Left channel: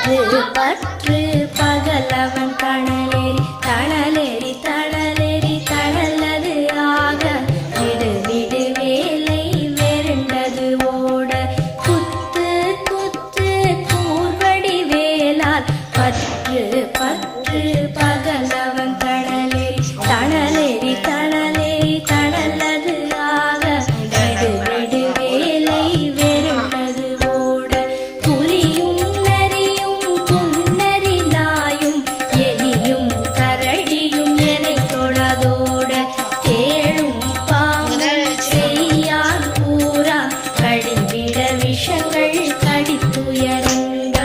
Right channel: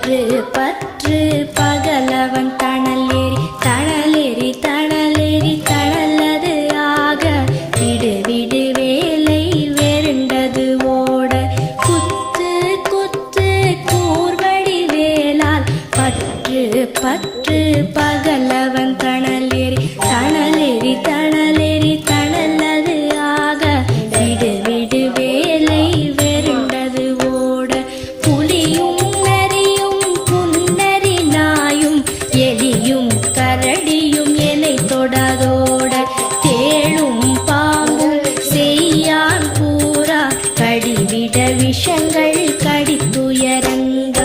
பற்று பற்று பகலவன் தணலேறி தணலேறி தணலேறி தணலது ஆக. விடு விடு வேலை வெருண்டது ஓட. குத்து குத்து கூர்வடி வேளால். பற்று பற்று பகலவன் தணல் கெட்ட விஷங்கள் கடித்துயரங்க.